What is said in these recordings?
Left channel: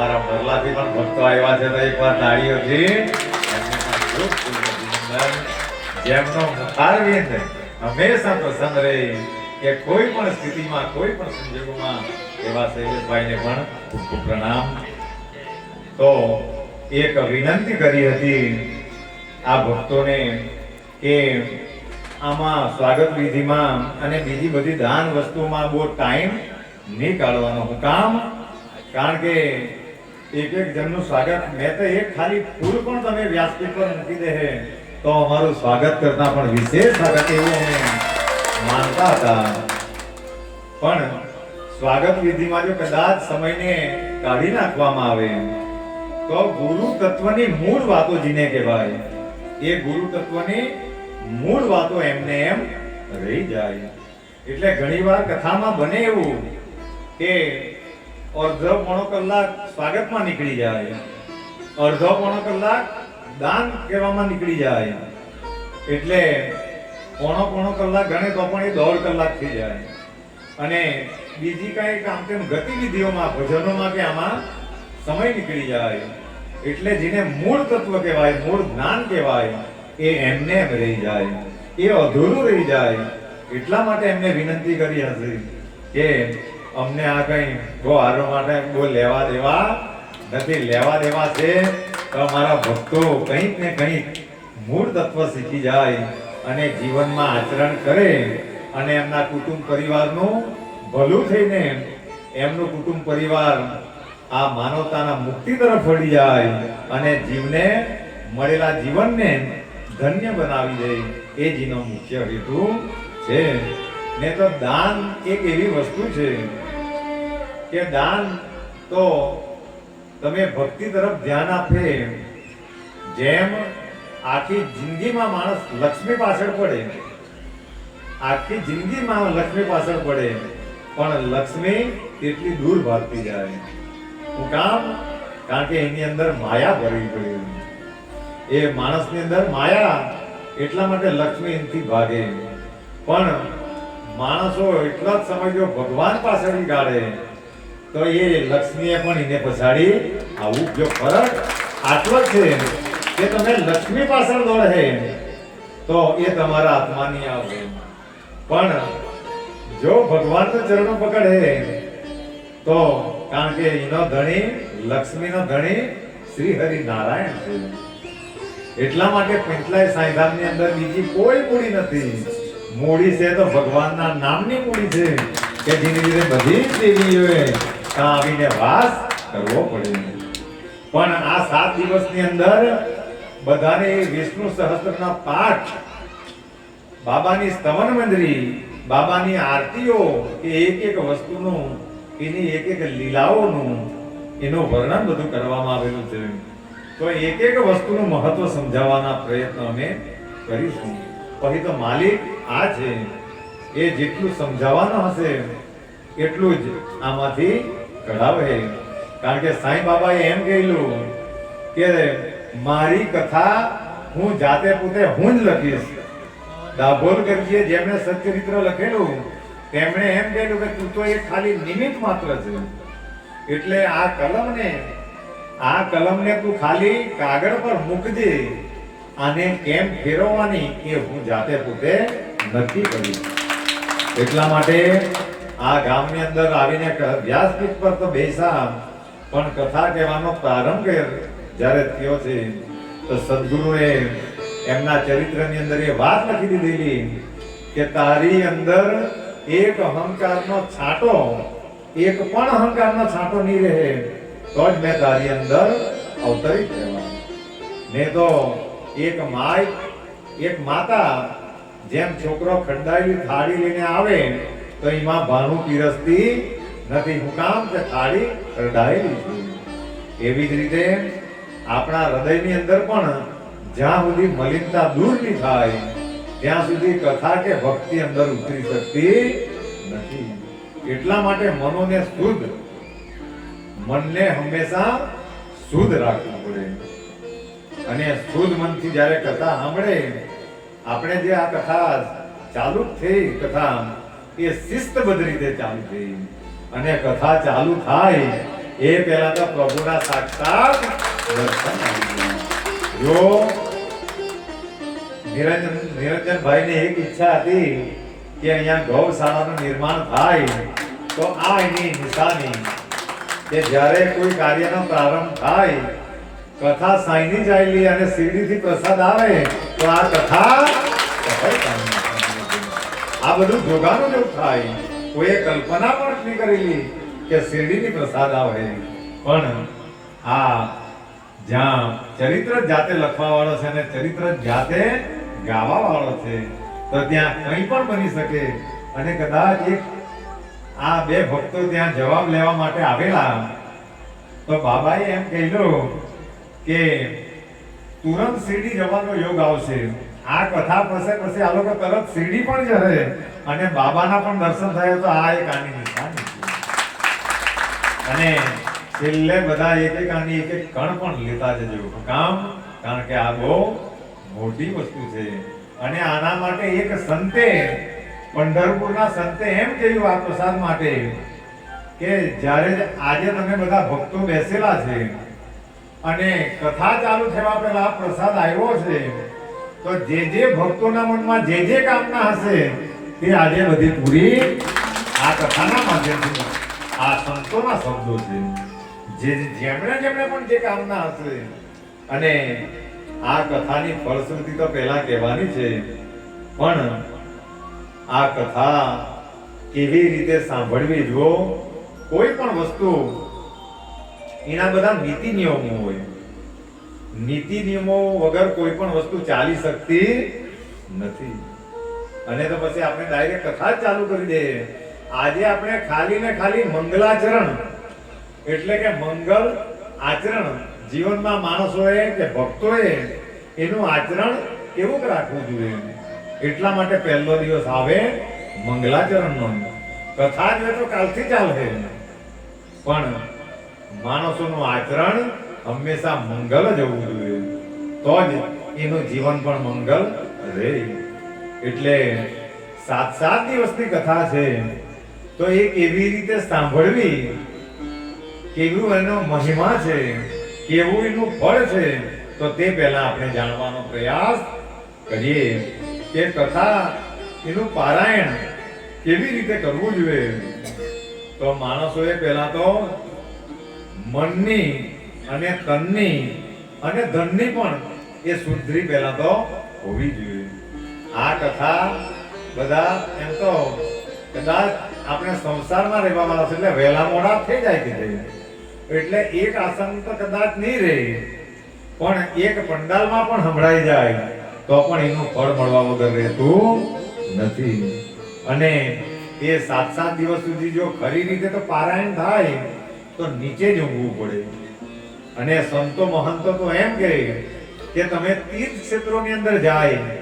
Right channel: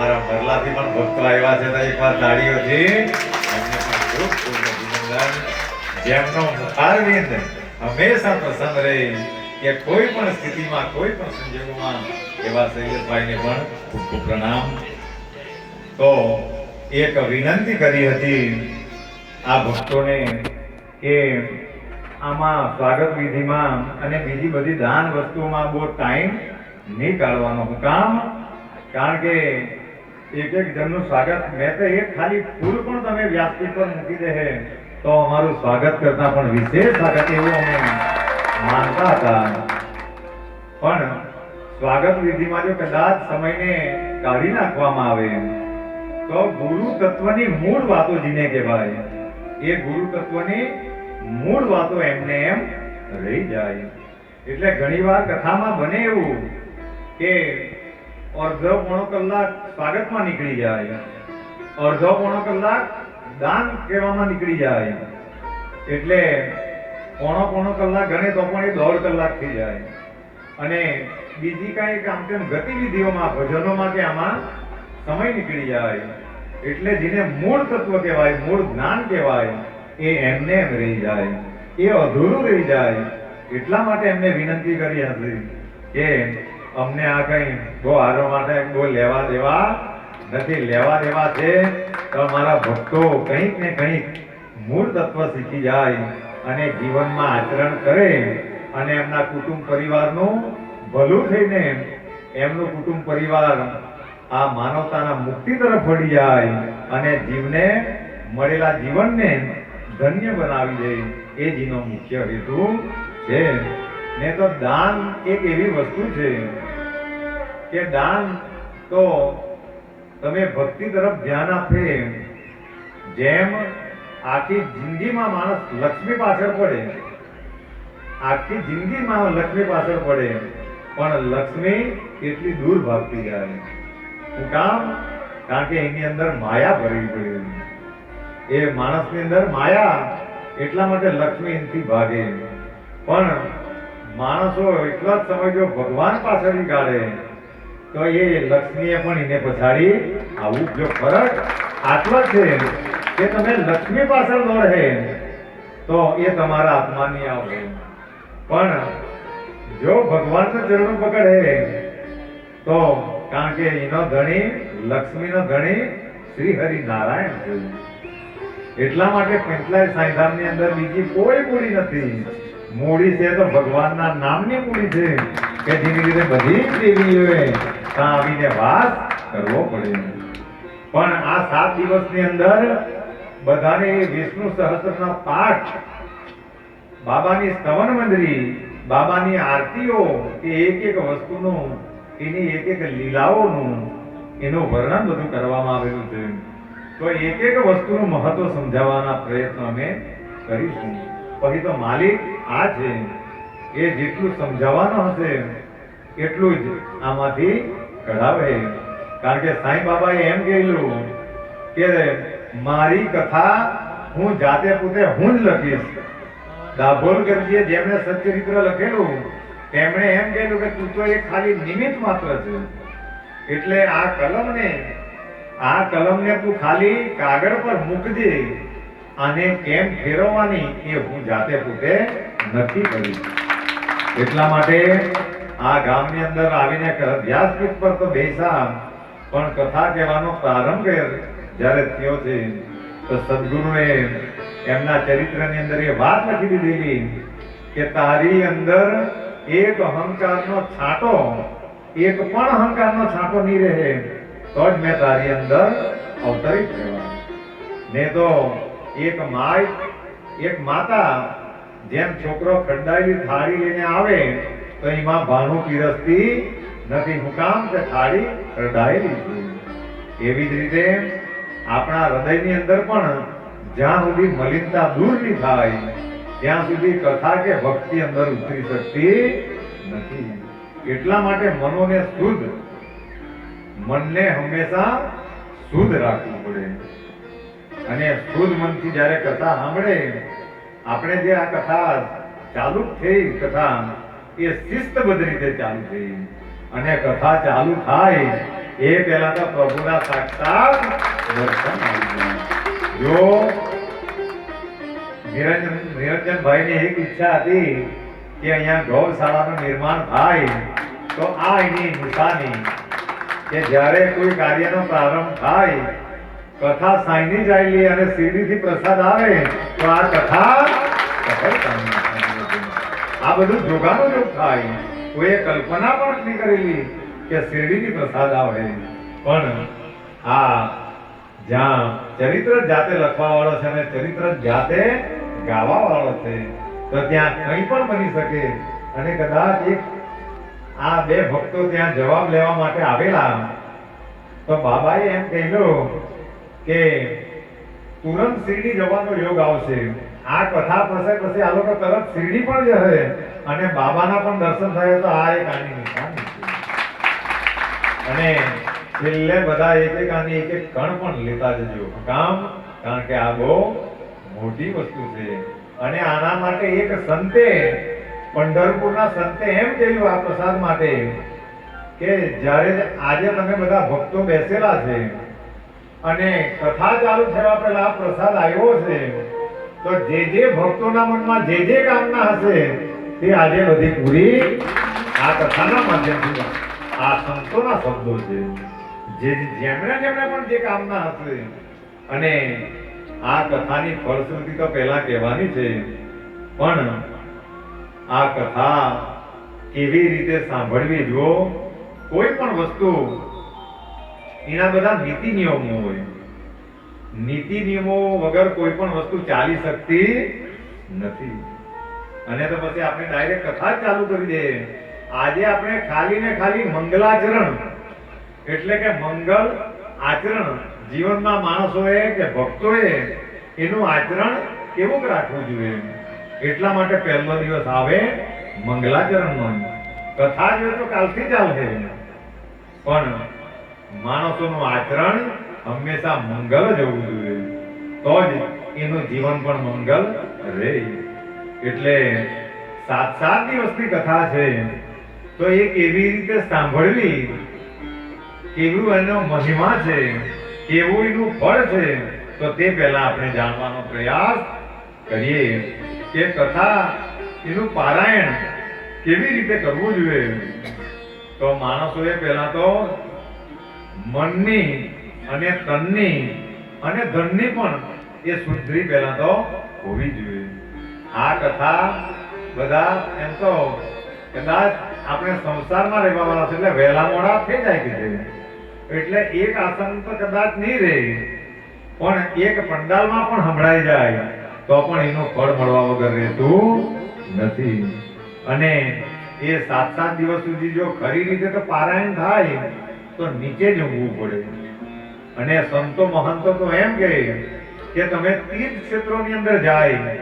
અમારા મરલાથી પણ ભક્તો આવ્યા છે તો એકવાર તાળીઓથી એમને પણ ખૂબ ખૂબ અભિનંદન. જેમનો મુખારવિંદ હંમેશા પ્રસન્ન રહે કે કોઈ પણ સ્થિતિમાં, કોઈ પણ સંજોગોમાં એવા શૈલેષભાઈને પણ ખૂબ ખૂબ પ્રણામ. તો એક વિનંતી કરી હતી આ ભક્તોને કે આમાં સ્વાગત વિધિમાં અને બીજી બધી દાન વસ્તુઓમાં બહુ ટાઈમ નહીં કાઢવાનો હું કામ કારણ કે એક એક જણનું સ્વાગત. મેં તો એક ખાલી ફૂલ પણ તમે વ્યાસપીઠ પર મૂકી દે તો અમારું સ્વાગત કરતા પણ વિશેષ સ્વાગત એવું અમે માનતા હતા. પણ સ્વાગત વિધિમાં જો કદાચ સમયને કાઢી નાખવામાં આવે, તો ગુરુ તત્વની મૂળ વાતો જીને કહેવાય. એ ગુરુ તત્વની મૂળ વાતો એમને એમ રહી જાય. એટલે ઘણીવાર કથામાં બને એવું કે અડધો પોણો કલાક સ્વાગતમાં નીકળી જાય અડધો પોણો કલાક દાન કહેવામાં નીકળી જાય એટલે પોણો પોણો કલાક ગણે તો પણ એ દોઢ કલાક થઈ જાય અને બીજી કાંઈ કામ તેમ ગતિવિધિઓમાં ભજનોમાં કે આમાં સમય નીકળી જાય એટલે જેને મૂળ તત્વ કહેવાય મૂળ જ્ઞાન કહેવાય એ એમને એમ રહી જાય એ અધૂરું રહી જાય એટલા માટે એમને વિનંતી કરી હશે કે અમને આ કંઈ જો આરો માટે બહુ લેવા દેવા નથી, લેવા દેવા છે, તો અમારા ભક્તો કંઈક ને કંઈક મૂળ તત્વ શીખી જાય અને જીવનમાં આચરણ કરે અને એમના કુટુંબ પરિવારનું ભલું થઈને એમનું કુટુંબ પરિવાર આ માનવતાના મુક્તિ તરફ વળી જાય અને જીવને મળેલા જીવનને ધન્ય બનાવી દે, એ જીનો મુખ્ય હેતુ છે. ને તો દાન એક એવી વસ્તુ છે કે દાન તો તમે ભક્તિ તરફ ધ્યાન આપે જેમ આખી જિંદગીમાં માણસ લક્ષ્મી પાછળ પડે આખી જિંદગીમાં લક્ષ્મી પાછળ પડે પણ લક્ષ્મી એટલી દૂર ભાગતી જાય હું કામ? કારણ કે એની અંદર માયા ભરી પડે એ માણસની અંદર માયા એટલા માટે લક્ષ્મી એનથી ભાગે પણ માણસો એટલા જ સમય જો ભગવાન પાછળ ગાડે તો એ લક્ષ્મીએ પણ એને પછાડી આવું જો ફરક આટલો જ છે કે તમે લક્ષ્મી પાછળ દોડે તો એ તમારા આત્માની આવશે પણ જો ભગવાનના ચરણો પકડે તો કારણ કે એનો ધણી, લક્ષ્મીનો ધણી શ્રી હરિ નારાયણ છે. એટલા માટે પંચલાય સાંધામની અંદર બીજી કોઈ મૂડી નથી. મૂડી છે તો ભગવાનના નામની મૂડી છે, કે જેની લીધે બધી જ દેવીઓએ ત્યાં આવીને વાસ કરવો પડે પણ આ સાત દિવસની અંદર બધાને વિષ્ણુ સહસ્ત્રના પાઠ, બાબાની સ્તવન મંદિરી બાબાની આરતીઓ, કે એક એક વસ્તુનું, એની એક એક લીલાઓનું, એનું વર્ણન બધું કરવામાં આવેલું છે. તો એક એક વસ્તુનું મહત્વ સમજાવવાના પ્રયત્ન અમે કરીશું. પછી તો માલિક આ છે. એ જેટલું સમજાવવાનું હશે, એટલું જ આમાંથી કઢાવે. કારણ કે સાંઈ બાબાએ એમ કહેલું કે મારી કથા હું જાતે પોતે હું જ લખીશ. દાભોલકરજીએ જેમણે સત્યચરિત્ર લખેલું, તેમણે એમ કહેલું કે તું તો એક ખાલી નિમિત્ત માત્ર છે. એટલે આ કલમને આ કલમને તું ખાલી કાગળ પર મૂકજે. અને કેમ ફેરવવાની એ હું જાતે પોતે નક્કી કરીશ. એટલા માટે આ ગામની અંદર આવીને વ્યાસપીઠ પર તો બેસા પણ કથા કહેવાનો પ્રારંભ જ્યારે થયો છે, તો સદગુરુએ એમના ચરિત્રની અંદર એ વાત લખી દીધેલી કે તારી અંદર એક અહંકારનો છાંટો, એક પણ અહંકારનો છાંટો નહીં રહે, તો જ મેં તારી અંદર અવતરિત થવા ને તો એક માય, એક માતા, જેમ છોકરો ખરડાયેલી થાળી લઈને આવે તો એમાં ભાણું પીરસતી નથી, હું કે થાળી કરડાયેલી છે. એવી જ રીતે આપણા હૃદયની અંદર પણ જ્યાં સુધી મલિનતા દૂર નહીં થાય, ત્યાં સુધી કથા કે ભક્તિ અંદર ઉતરી શકતી નથી. એટલા માટે મનોને શુદ્ધ, મનને હંમેશા શુદ્ધ રાખવું પડે. અને શુદ્ધ મનથી જ્યારે કથા સાંભળે, આપણે જે આ કથા ચાલુ જ થઈ કથા એ શિસ્તબદ્ધ રીતે ચાલુ અને કથા ચાલુ થાય, એ પહેલા તો પ્રભુના સાક્ષાત દર્શન જો નિરંજન, નિરંજનભાઈની એક ઈચ્છા હતી કે અહીંયા ગૌશાળાનું નિર્માણ થાય, તો આ એની નિશાની કે જ્યારે કોઈ કાર્યનો પ્રારંભ થાય, કથા સાઈની ચાલી અને શિરડીથી પ્રસાદ આવે, તો આ કથા સફળ. આ બધું જોગાનું જ થાય. કોઈએ કલ્પના પણ નથી કરેલી કે શેરડીની પ્રસાદ આવે પણ આ જ્યાં ચરિત્ર જાતે લખવા વાળો છે અને ચરિત્ર જાતે ગાવા વાળો છે, તો ત્યાં કંઈ પણ બની શકે. અને કદાચ એક આ બે ભક્તો ત્યાં જવાબ લેવા માટે આવેલા, તો બાબાએ એમ કહેલું કે તુરંત શિરડી જવાનો યોગ આવશે. આ કથા પાસે પછી આ લોકો તરત શિરડી પણ જશે અને બાબાના પણ દર્શન થયા તો આ એક આની નિશાની અને છેલ્લે બધા એક એક આની એક એક કણ પણ લેતા જજો. કામ? કારણ કે આ બહુ મોટી વસ્તુ છે. અને આના માટે એક સંતે, પંઢરપુરના સંતે એમ કહ્યું આ પ્રસાદ માટે કે જ્યારે આજે તમે બધા ભક્તો બેસેલા છે અને કથા ચાલુ થવા પહેલા પ્રસાદ આવ્યો છે તો જે જે ભક્તોના મનમાં જે જે કામના હશે, તે આજે બધી પૂરી આ કથાના માધ્યમથી આ સંતોના શબ્દો છે. જે જેમણે જેમણે પણ જે કામના હશે, અને આ કથાની ફળશ્રુતિ તો પહેલા કહેવાની છે, પણ આ કથા કેવી રીતે સાંભળવી? જો કોઈ પણ વસ્તુ, એના બધા નીતિ નિયમો હોય. નીતિ નિયમો વગર કોઈ પણ વસ્તુ ચાલી શકતી નથી. અને તો પછી આપણે ડાયરેક્ટ કથા જ ચાલુ કરી દે. આજે આપણે ખાલી ને ખાલી મંગલાચરણ, એટલે કે મંગલ આચરણ જીવનમાં માણસોએ કે ભક્તોએ એનું આચરણ કેવું રાખવું જોઈએ? એટલા માટે પહેલો દિવસ આવે મંગલાચરણનો. કથા જોઈએ તો કાલથી ચાલશે પણ માણસોનું આચરણ હંમેશા મંગલ જ હોવું જોઈએ. તો જ એનું જીવન પણ મંગલ રહે. એટલે સાત સાત દિવસની કથા છે. તો એ કેવી રીતે સાંભળવી કેવું એનો મહિમા છે, કેવું એનું ફળ છે, તો તે પહેલા આપણે જાણવાનો પ્રયાસ કરીએ કે કથા એનું પારાયણ કેવી રીતે કરવું જોઈએ. તો માણસોએ પહેલા તો મનની અને તનની અને ધનની પણ એ શુદ્ધિ પહેલા તો હોવી જોઈએ. આ કથા બધા એમ તો કદાચ આપણે સંસારમાં રહેવા વાળા છે એટલે વહેલા મોડા થઈ જાય કે. એટલે એક આસન તો કદાચ નહીં રહે, પણ એક પંડાલમાં પણ સંભળાઈ જાય, તો પણ એનું ફળ મળવા વગર રહેતું નથી. અને એ સાત સાત દિવસ સુધી જો ખરી રીતે તો પારાયણ થાય, તો નીચે જ ઊંઘવું પડે. અને સંતો મહંતો તો એમ કહે કે તમે તીર્થ ક્ષેત્રોની અંદર જાય.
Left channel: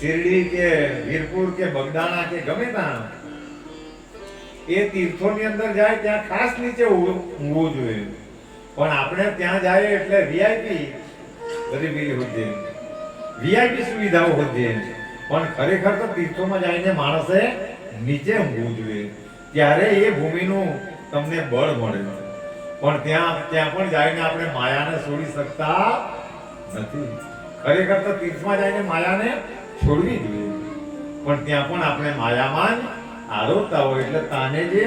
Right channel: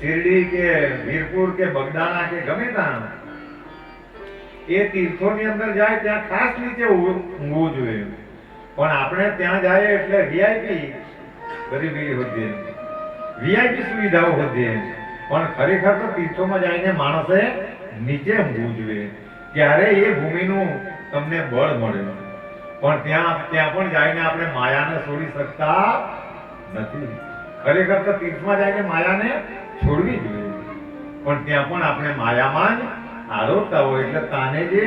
શિરડી કે વીરપુર કે બગદાણા કે ગમે ત્યાં. એ તીર્થોની અંદર જાય, ત્યાં ખાસ નીચે ઊંઘવું જોઈએ. પણ આપણે ત્યાં જાય એટલે વીઆઈપી ગરીબી હોતી વીઆઈપી સુવિધાઓ હોતી પણ ખરેખર તો તીર્થોમાં જઈને માણસે નીચે ઊંઘવું જોઈએ. ત્યારે એ ભૂમિનું તમને બળ મળે. પણ ત્યાં ત્યાં પણ જઈને આપણે માયાને છોડી શકતા નથી. ખરેખર તો તીર્થમાં જઈને માયાને છોડવી જોઈએ. પણ ત્યાં પણ આપણે માયામાં જ હોય એટલે તાને જે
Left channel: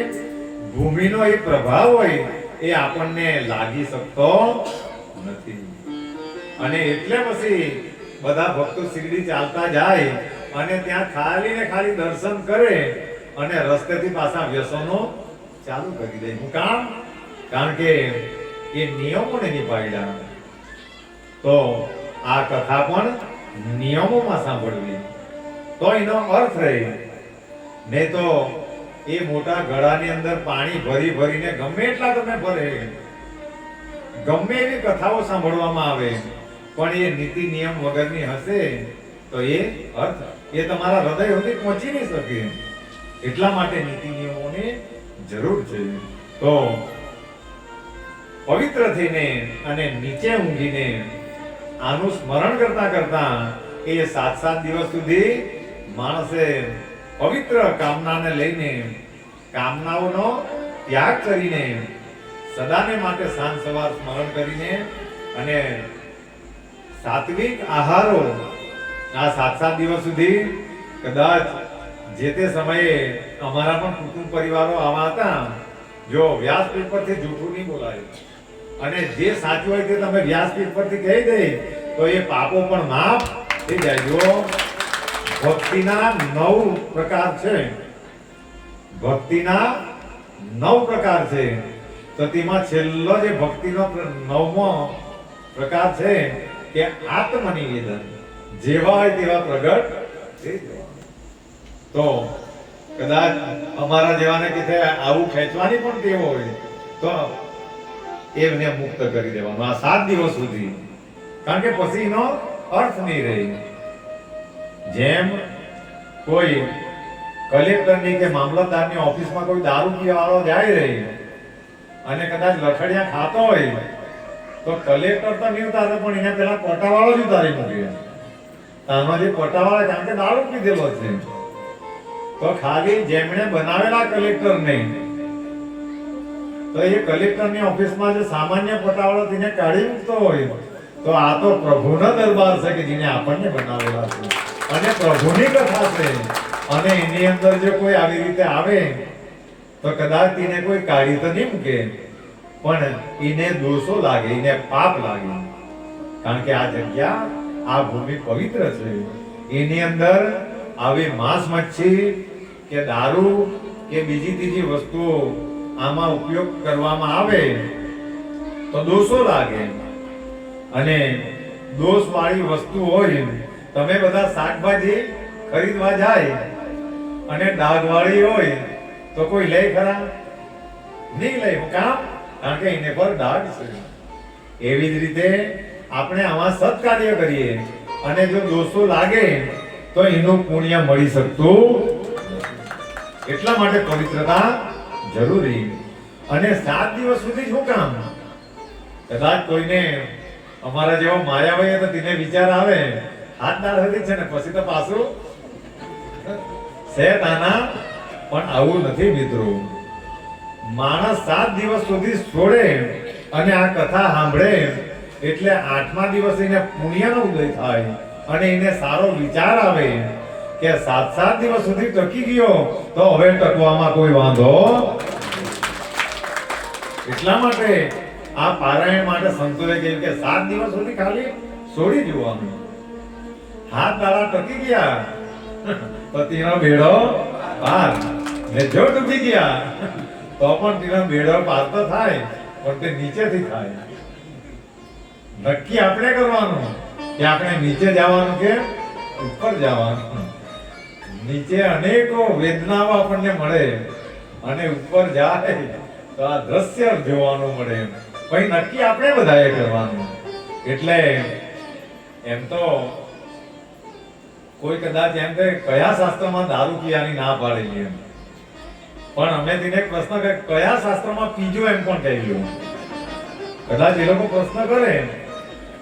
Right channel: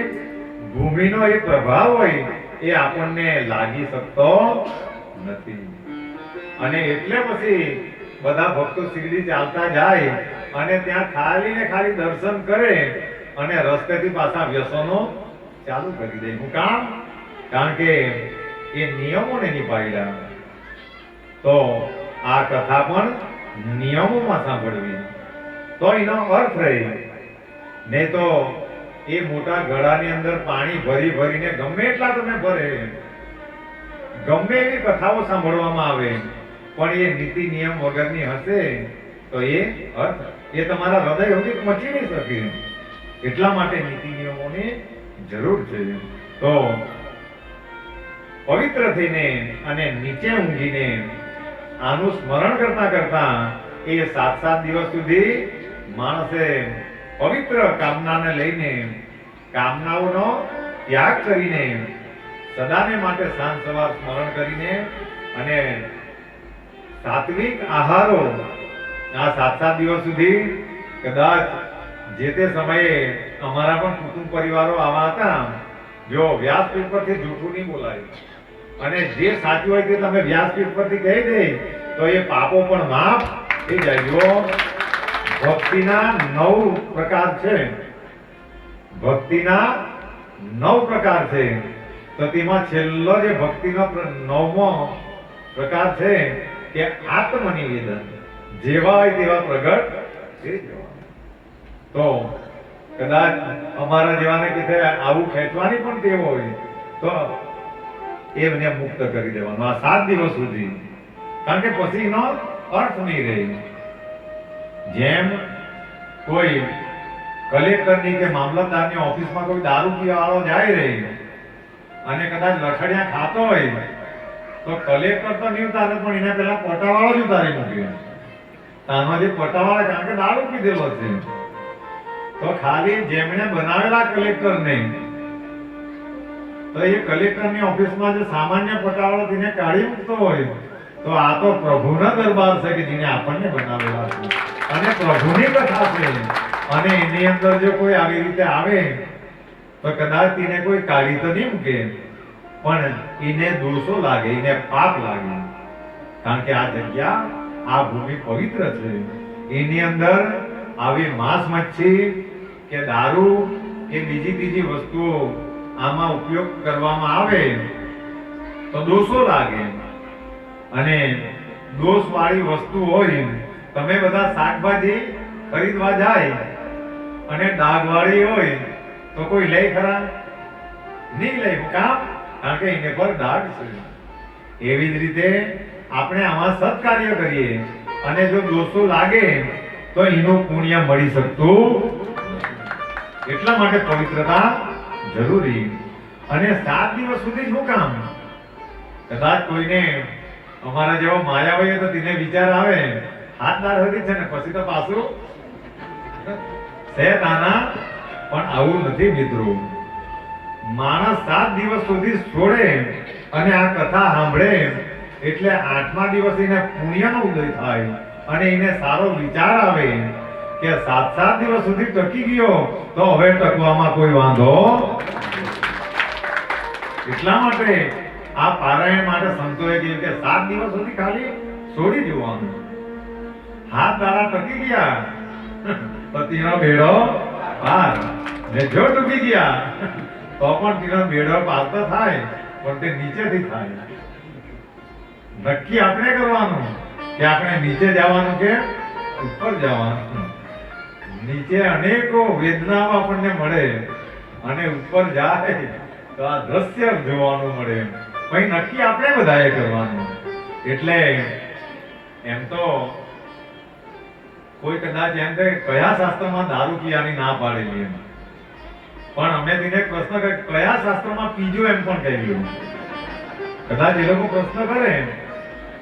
ભૂમિનો એ પ્રભાવ હોય એ આપણને લાગી શકતો નથી. અને એટલે પછી બધા ભક્તો શિરડી ચાલતા જાય અને ત્યાં ખાલી ને ખાલી દર્શન કરે અને રસ્તેથી પાછા વ્યસનો ચાલુ કરી દે. હું કામ કારણ કે એ નિયમોને નિભાવ્યા તો આ કથા પણ નિયમોમાં સાંભળવી. તો એનો અર્થ રહે નહીં તો એ મોટા ગળાની અંદર પાણી ભરી ભરીને ગમે એટલા તમે ભરે. ગમે એવી કથાઓ સાંભળવામાં આવે, પણ એ નીતિ નિયમ વગરની હશે, તો એ અર્થ એ તમારા હૃદય સુધી પહોંચી નહીં શકે. એટલા માટે નીતિ નિયમોની જરૂર છે. તો પવિત્ર થઈને અને નીચે ઊંઘીને આનું સ્મરણ કરતા કરતા એ સાત સાત દિવસ સુધી માણસે પવિત્ર કામનાને લઈને કામનાઓનો ત્યાગ કરીને સદાને માટે સાંજ સવાર સ્મરણ કરીને અને સાત્વિક આહારો આ સાત સાત દિવસ સુધી કદાચ જે તે સમયે અમારા પણ કુટુંબ પરિવારો આવા હતા, જો વ્યાસપીઠ પરથી જૂઠું નહીં બોલાયું. અને જે સાચું હોય તે તમે વ્યાસપીઠ પરથી કહી દે, તો એ પાપો પણ માફ થઈ જાય. ભક્તિના નવ પ્રકાર છે. ભક્તિના નવ પ્રકાર છે. તો તેમાં છેલ્લો જે ભક્તિનો નવમો પ્રકાર છે કે આત્મનિવેદન. જેવા હોય તેવા પ્રગટ તો કદાચ અમારા જેવાને કે આવું ખેંચવાની પણ ટેવ હોય, તો એમને મુક્ત કરી દેવાનું. આ સાત દિવસ સુધી. કારણ કે પછી એનો અર્થ નહીં રહે. જેમ કોઈ કલેક્ટરની કે મામલતદારની ઓફિસમાં કોઈ દારૂ પીવાવાળો જાય રહી અને કદાચ લઠડિયા ખાતો હોય, તો કલેક્ટર તો નહીં ઉતારે, પણ એના પેલા પટાવાળો જ ઉતારી મૂક્યો તાનો જે પટાવાળો કારણ કે દારૂ પીધેલો છે. તો ખાલી જેમણે બનાવેલા કલેક્ટર નહીં તો એ કલેક્ટરની ઓફિસમાં જે સામાન્ય પટાવાળો તેને કાઢી મૂકતો હોય, તો આ તો પ્રભુના દરબાર છે કે જેને આપણને બનાવેલા છે. અને પ્રભુની કથા છે. અને એની અંદર જો કોઈ આવી રીતે આવે, તો કદાચ તેને કોઈ કાઢી તો નહીં મૂકે. પણ એને દોષો લાગે, એને પાપ લાગે. કારણ કે આ જગ્યા, આ ભૂમિ પવિત્ર છે. એની અંદર આવી માંસ મચ્છી કે દારૂ કે બીજી ત્રીજી વસ્તુઓ આમાં ઉપયોગ કરવામાં આવે તો દોષો લાગે. અને દોષ વાળી વસ્તુ હોય, તમે બધા શાકભાજી ખરીદવા જાય અને ડાઘ વાળી હોય, તો કોઈ લે ખરા? નહીં લે. કામ કારણ કે એને પર ડાઘ છે. એવી જ રીતે આપણે આમાં સત્કાર્ય કરીએ. અને જો દોષો લાગે, તો એનું પુણ્ય મળી શકતું એટલા માટે પવિત્રતા જરૂરી. અને સાત દિવસ સુધી શું કામ? કદાચ કોઈને અમારા જેવો માયા હોય તો તેને વિચાર આવે. હાથ ના હતી છે ને, પછી તો પાછું સેત આના. પણ આવું નથી મિત્રો. માણસ સાત દિવસ સુધી છોડે અને આ કથા સાંભળે એટલે આઠમા દિવસે એને પુણ્યનો ઉદય થાય અને એને સારો વિચાર આવે. કે સાત સાત દિવસ સુધી ટકી ગયો, તો હવે ટકવામાં કોઈ વાંધો એટલા માટે આ પારાયણ માટે સંતોએ કહ્યું કે સાત દિવસ સુધી ખાલી છોડી જોવાનું હાથ દાડા ટકી ગયા. તો તેનો બેડો પાર. ને જો ટકી ગયા. તો પણ તેનો ભેડો પાર તો થાય, પણ તે નીચેથી થાય. નક્કી આપણે કરવાનું કે આપણે નીચે જવાનું કે ઉપર જવાનું? નીચે અનેકો વેદનાઓ આપણને મળે અને ઉપર જાય તો આ દ્રશ્ય જોવાનું મળે પછી નક્કી આપણે બધાએ કરવાનું. એટલે એમ તો કોઈ કદાચ એમ કહે, કયા શાસ્ત્રમાં દારૂ પીવાની ના પાડેલી એમ. પણ અમે તેને પ્રશ્ન કરે કયા શાસ્ત્રમાં પીજો એમ પણ કહ્યું કદાચ એ લોકો પ્રશ્ન કરે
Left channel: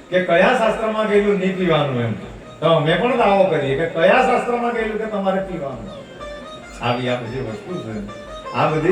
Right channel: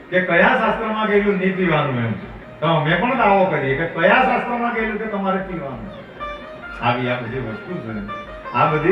કે કયા શાસ્ત્રમાં કહેલું નહીં પીવાનું એમ. અમે પણ દાવો કરીએ કે કયા શાસ્ત્રમાં કહેલું કે તમારે પીવાનું? આવી આ બધી વસ્તુ છે. આ બધી